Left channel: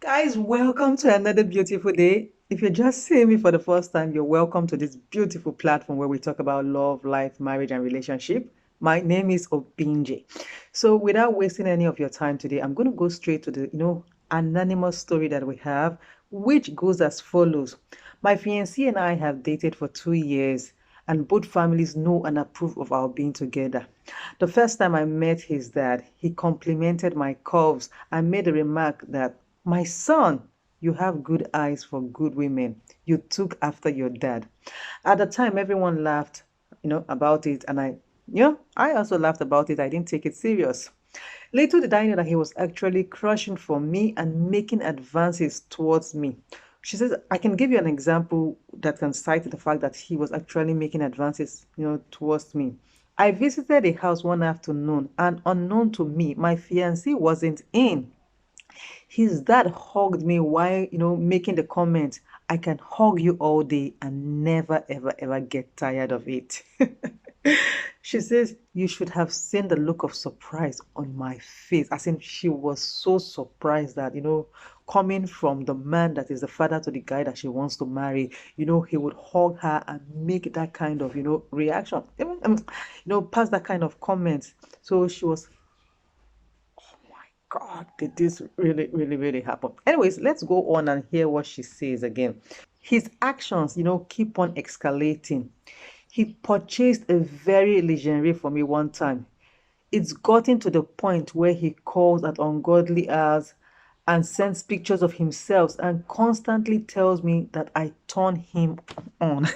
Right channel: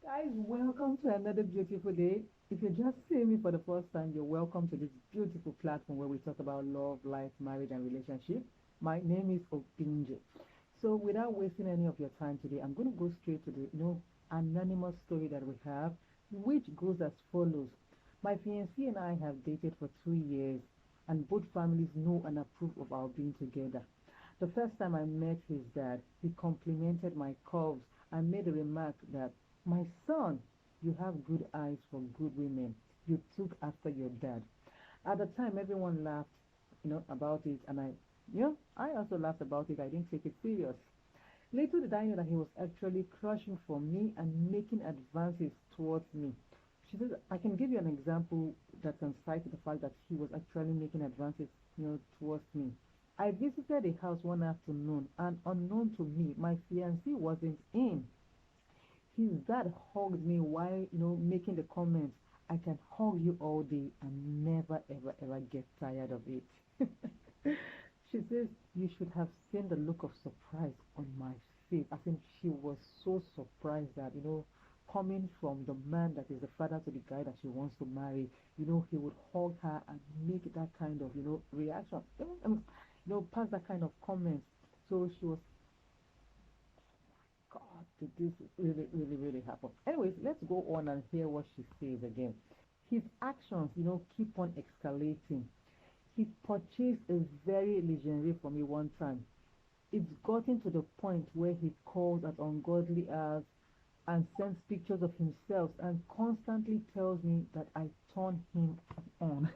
Guys, welcome to another beautiful day. If you're just seeing me for the first time, you're welcome to this beautiful platform where we talk about love, life, marriage, and relationship. My name is Obinje. So, without wasting any of your time today, I'm going to go straight to the anonymous story that we have, which goes as follows. My fiancé and I have dated for 2 years, and both families know and approve of our being together. The first time I met his dad, he complimented my curves and made a remark that, my son, you have good eyes for good women. You took after your dad. At the time, everyone laughed, about it, and I also laughed about it. I didn't take it serious. Little did I know that he was actually crushing for me and making advances towards me. She says, I can give you an example that can cite the fact that he was actually making advances, towards me. I visited a house one afternoon, and unknown to me, my fiancé wasn't in. His dad hugged me while, making the comment, I can hug you all day and never, ever, ever get tired of it. She says, you should have seen the look of surprise on my face. As in, she was so surprised that, coming from the man that is the father to the guy that she wants to marry, he would hug her and make that kind of, reaction. Even, pass that kind of comment. So she was, my God, did this really, really, really happen? Anyways, let's go on and hear what she says again. His actions, keep on escalating. He purchased a very legendary for me one time. It's gotten to the point where he calls at ungodly hours and sends pictures of himself and constantly tells me that I turn him on.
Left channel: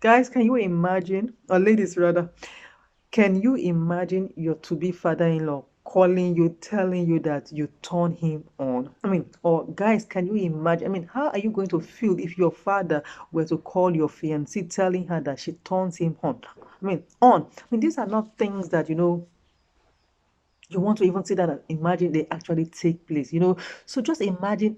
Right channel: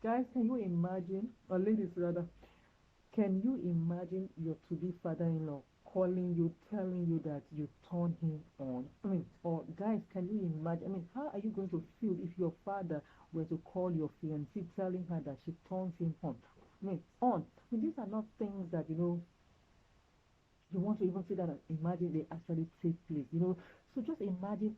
Guys, can you imagine, or ladies rather, can you imagine your to-be father-in-law calling you, telling you that you turn him on? I mean, or guys, can you imagine? I mean, how are you going to feel if your father were to call your fiancée telling her that she turns him on? I mean, on. I mean, these are not things that, you want to even see that imagine they actually take place, So just imagine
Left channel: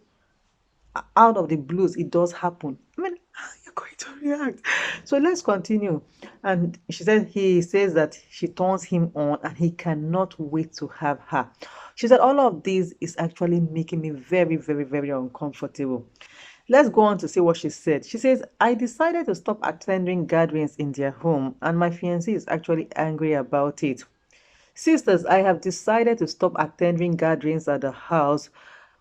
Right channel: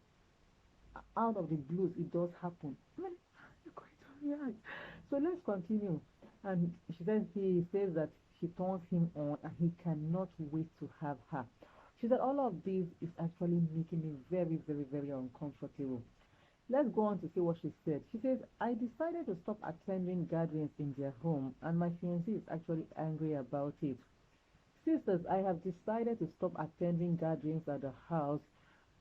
out of the blues, it does happen. I mean, how are you going to react? So let's continue. And she said he says that she turns him on and he cannot wait to have her. She said all of this is actually making me very, very, very uncomfortable. Let's go on to see what she said. She says, I decided to stop attending gatherings in their home, and my fiancé is actually angry about it. Sisters, I have decided to stop attending gatherings at the house,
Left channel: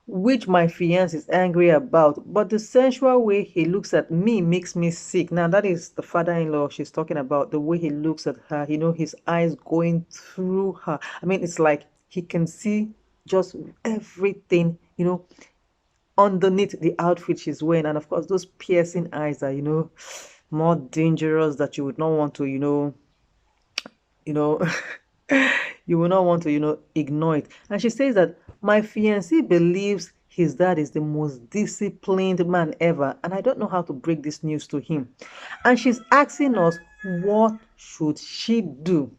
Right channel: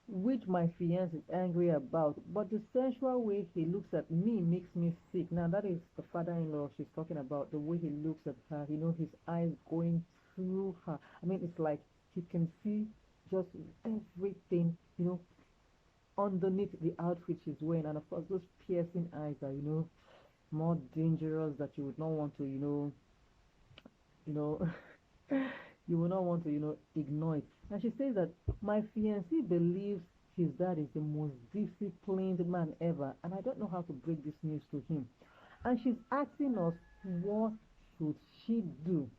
which my fiance is angry about. But the sensual way he looks at me makes me sick. Now, that is the father-in-law she's talking about, the way he looks at her, his eyes going through her. I mean, it's like he can see just everything, underneath the outfit she's wearing. And of course, those piercing eyes are, more dangerous that you would not want to, you know you will not want to ignore it. And she says that my fiancé believes his dad is the most disciplined man ever, and I don't know how to break this news to him. And she's asking us, what should she do?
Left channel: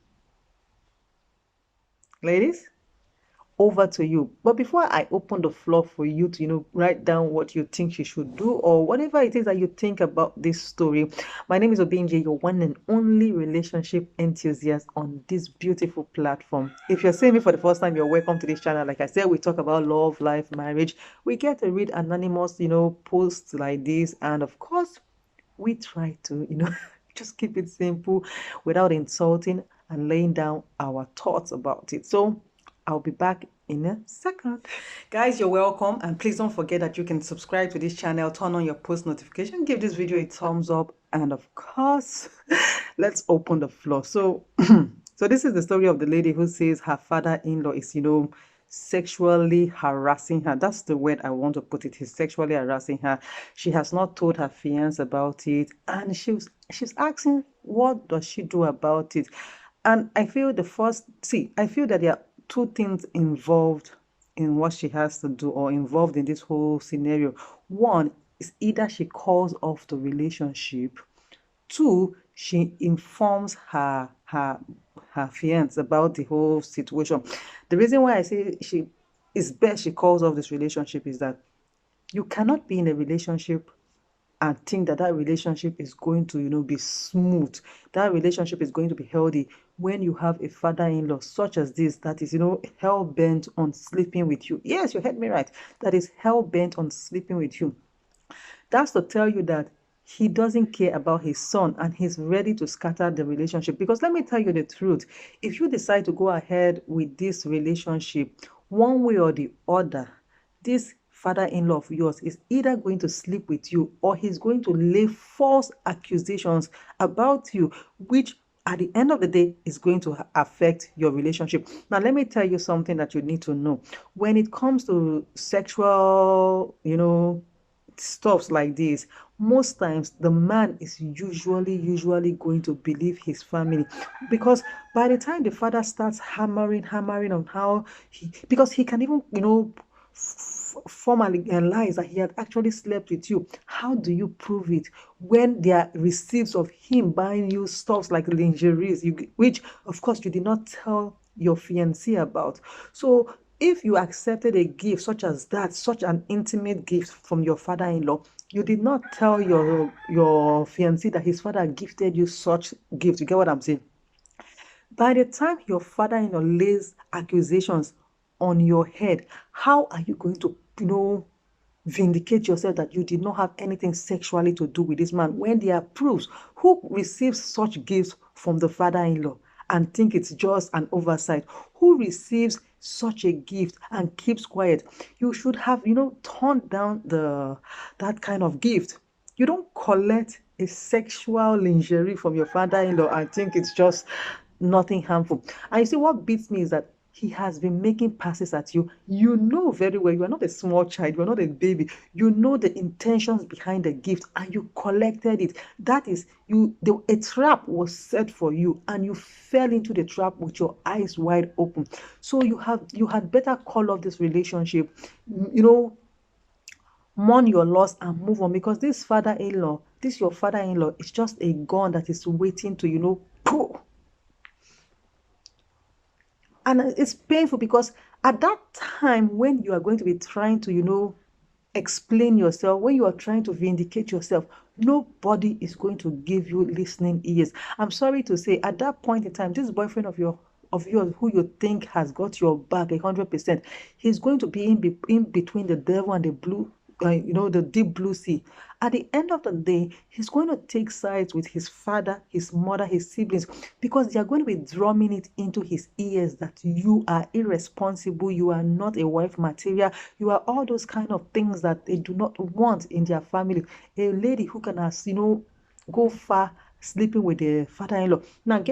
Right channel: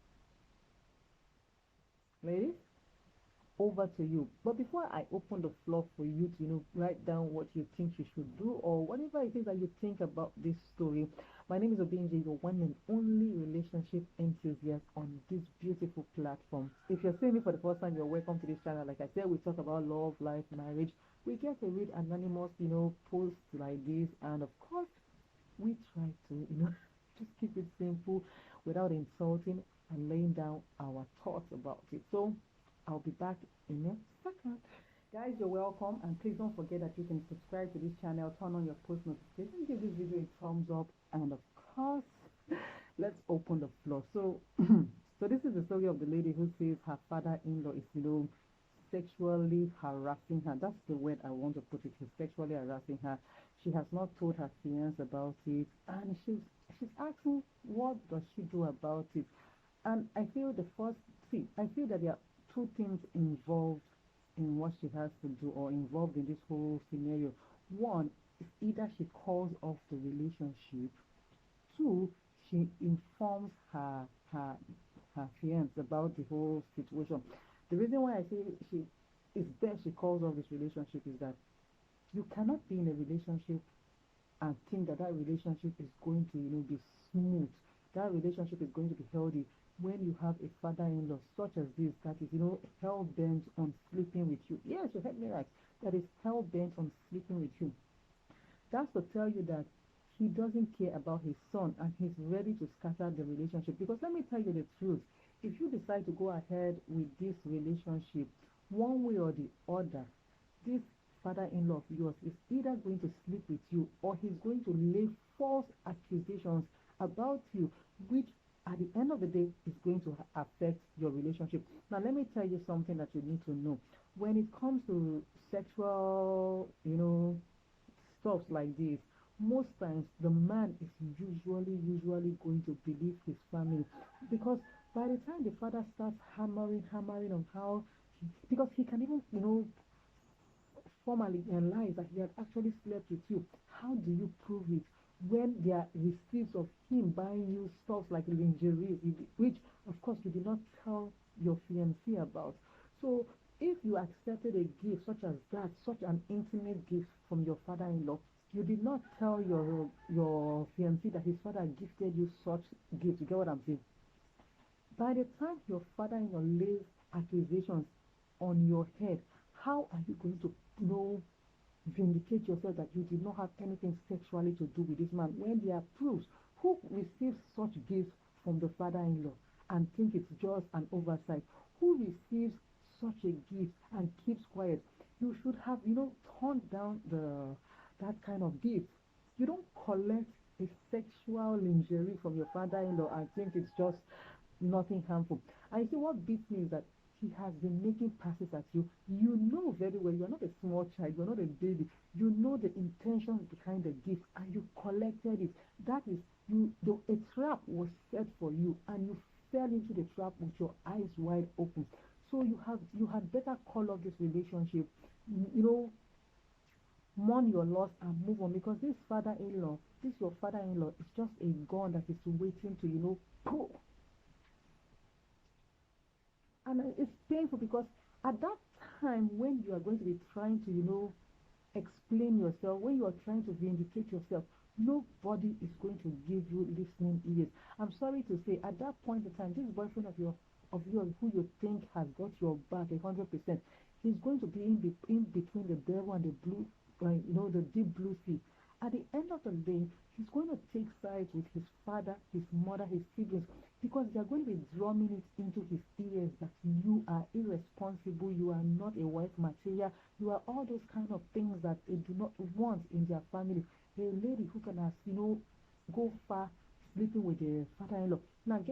Ladies, over to you. But before I open the floor for you to, write down what you think she should do or whatever it is that you think about this story, my name is Obinje, your one and only relationship enthusiast on this beautiful platform. If you're seeing me for the first time, you're welcome to this channel. Like I said, we talk about love, life, marriage. We get to read anonymous, posts like this. And of course, we try to, just keep it simple without insulting and laying down our thoughts about it. So I'll be back in a second. Guys, you're welcome. And please don't forget that you can subscribe to this channel, turn on your post notification, give this video a thumbs up. And of course, let's open the floor. So, so this is the story of the lady who says her father-in-law is, sexually harassing her. That's the word I want to put it. He's sexually harassing her. She has not told her fiance about it, and she's asking what does she do about it. And I feel I feel that there are two things involved in what she has to do or involved in this whole scenario. One is either she calls off the relationship. Two, she informs her fiance about the whole situation. The reason why I say it's best she calls off this relationship is that you cannot be in a relationship and think that that relationship is going to be smooth, that relationship is going to be healthy when you have a father-in-law such as this that is, hell-bent on sleeping with you. Yes, you heard me right. That is hell-bent on sleeping with you. That's to tell you that he doesn't care about his son and he's ready to scatter the relationship. Because let me tell you the truth, if you decide to go ahead with this relationship, one way or the other, this father-in-law of yours is either going to sleep with you or he's going to lay false accusations about you, which at the end of the day is going to affect your relationship. Now, let me tell you something that you need to know. When it comes to sexual, stuffs like this, most times the man is usually going to believe his family, because by the time the father starts hammering on how he, because he can even formally lies that he had actually slept with you. How do you prove it when there are receipts of him buying you stuffs like lingeries, which of course you did not tell your fiancé about? So if you accepted a gift such as that, such an intimate gift from your father-in-law, you did not tell your fiancé that his father gifted you such gift. You get what I'm saying? By the time your father-in-law lays accusations on your head, how are you going to, vindicate yourself that you did not have anything sexually to do with this man when there are proofs? Who receives such gifts from the father-in-law and think it's just an oversight? Who receives such a gift and keeps quiet? You should have, turned down that kind of gift. You don't collect a sexual lingerie from your father-in-law and think it's just nothing harmful. And you see, what beats me is that he has been making passes at you. You know very well you are not a small child, you are not a baby. You know the intentions behind the gift and you collected it. That is, a trap was set for you and you fell into the trap with your eyes wide open. So you had better call off this relationship, you know, mourn your loss and move on, because this your father-in-law is just a gun that is waiting to, pull. And it's painful because at that time when you are going to be trying to, explain yourself, when you are trying to vindicate yourself, nobody is going to give you listening ears. I'm sorry to say, at that point in time, this boyfriend of yours who you think has got your back 100%, he's going to be in between the devil and the blue, the deep blue sea. At the end of the day, he's going to take sides with his father, his mother, his siblings, because they are going to be drumming it into his ears that you are irresponsible, you are not a wife material, you are all those kind of things that they do not want in their family. A lady who can, go far sleeping with the father-in-law. Now,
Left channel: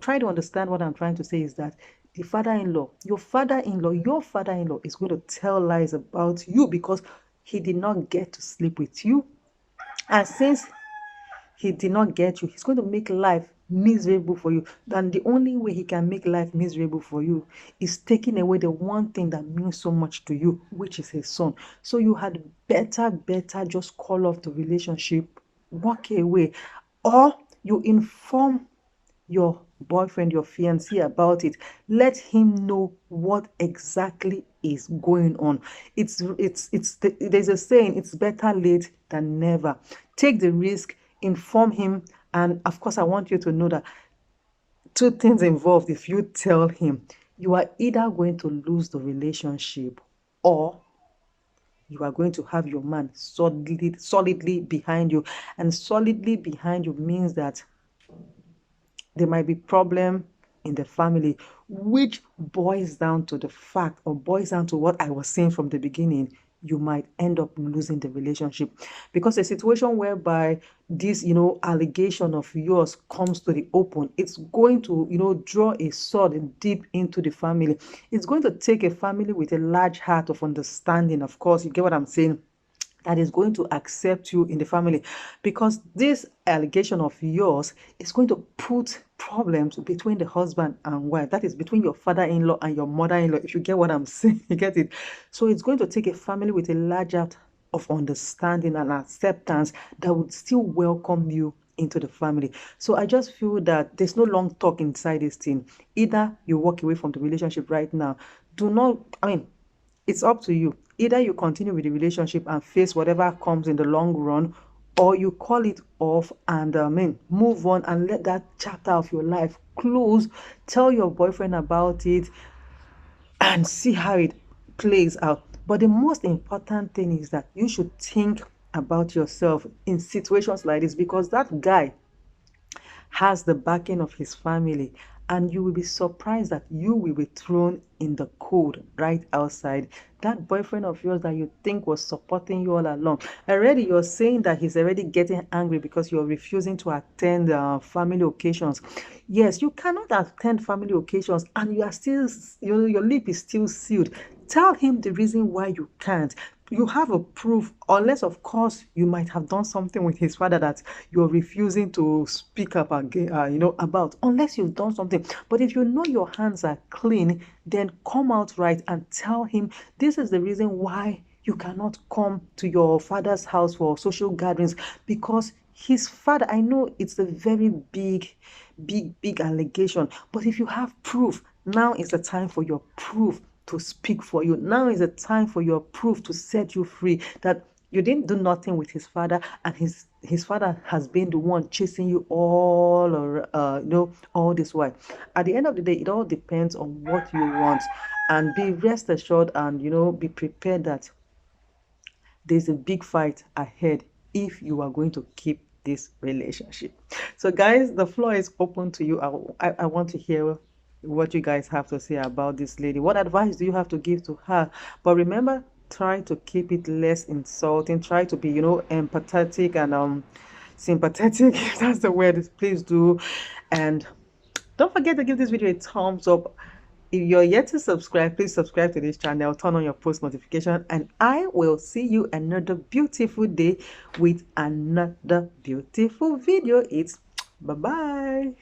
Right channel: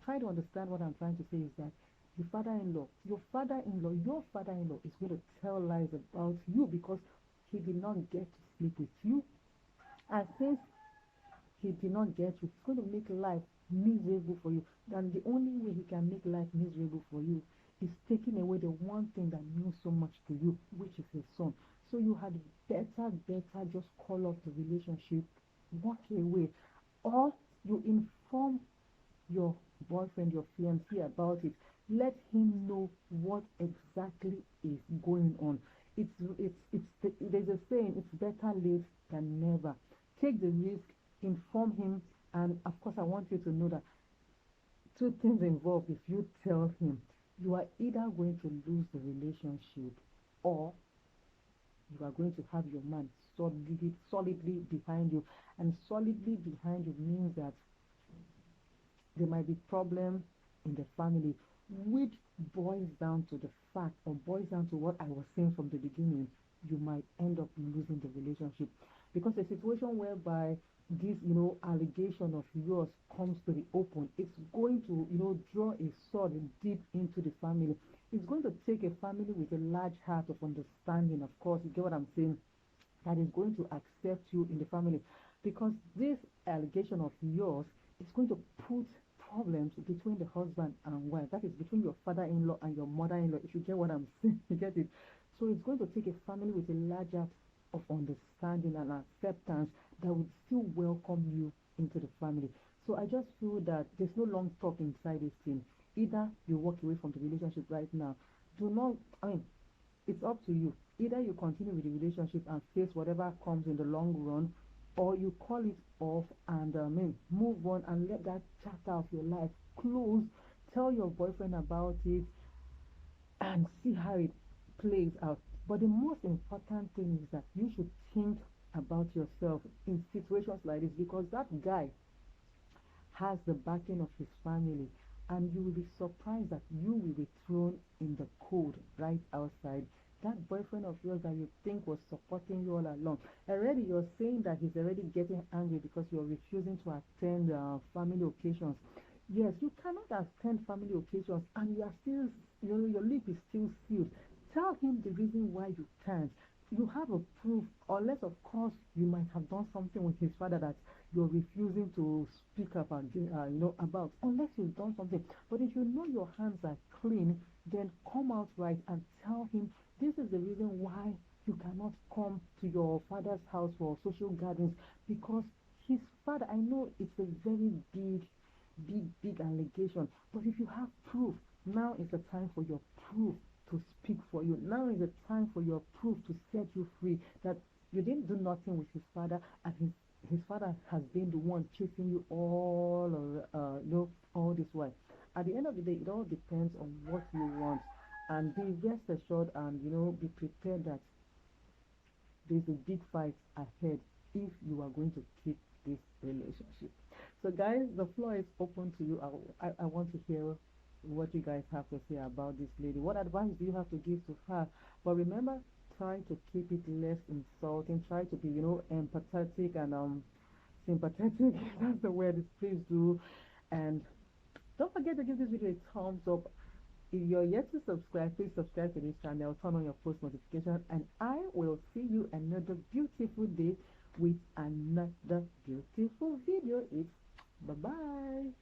try to understand what I'm trying to say is that the father-in-law, your father-in-law is going to tell lies about you because he did not get to sleep with you. And since he did not get you, he's going to make life miserable for you. And the only way he can make life miserable for you is taking away the one thing that means so much to you, which is his son. So you had better just call off the relationship, walk away, or you inform your boyfriend, your fiancé about it. Let him know what exactly is going on. There's a saying, it's better late than never. Take the risk, inform him, and of course, I want you to know that two things involved. If you tell him, you are either going to lose the relationship or you are going to have your man solidly behind you. And solidly behind you means that there might be problem in the family, which boils down to the fact, or boils down to what I was saying from the beginning. You might end up losing the relationship, because a situation whereby this, allegation of yours comes to the open, it's going to, draw a sword deep into the family. It's going to take a family with a large heart of understanding, of course, you get what I'm saying, that is going to accept you in the family, because this allegation of yours is going to put problems between the husband and wife, that is between your father-in-law and your mother-in-law, if you get what I'm saying. You get it? So it's going to take a family with a large heart of understanding and acceptance that would still welcome you into the family. So I just feel that there's no long talk inside this thing. Either you walk away from the relationship right now. Do not, I mean, it's up to you. Either you continue with the relationship and face whatever comes in the long run, or you call it off and move on and let that chapter of your life close. Tell your boyfriend about it and see how it plays out. But the most important thing is that you should think about yourself in situations like this, because that guy has the backing of his family, and you will be surprised that you will be thrown in the cold right outside. That boyfriend of yours that you think was supporting you all along, already you're saying that he's already getting angry because you're refusing to attend family occasions. Yes, you cannot attend family occasions and you are still, your lip is still sealed. Tell him the reason why you can't. You have a proof, unless of course you might have done something with his father that you're refusing to speak up again, about, unless you've done something. But if you know your hands are clean, then come out right and tell him this is the reason why you cannot come to your father's house for social gatherings, because his father, I know it's a very big allegation, but if you have proof, now is the time for your proof to speak for you. Now is the time for your proof to set you free, that you didn't do nothing with his father, and his father has been the one chasing you all, or all this while. At the end of the day, it all depends on what you want, and be rest assured, and be prepared that there's a big fight ahead if you are going to keep this relationship. So guys, the floor is open to you. I want to hear what you guys have to say about this lady. What advice do you have to give to her? But remember, try to keep it less insulting. Try to be empathetic and sympathetic, if that's the word. Please do. And don't forget to give this video a thumbs up. If you're yet to subscribe, please subscribe to this channel, turn on your post notification, and I will see you another beautiful day with another beautiful video. It's bye-bye.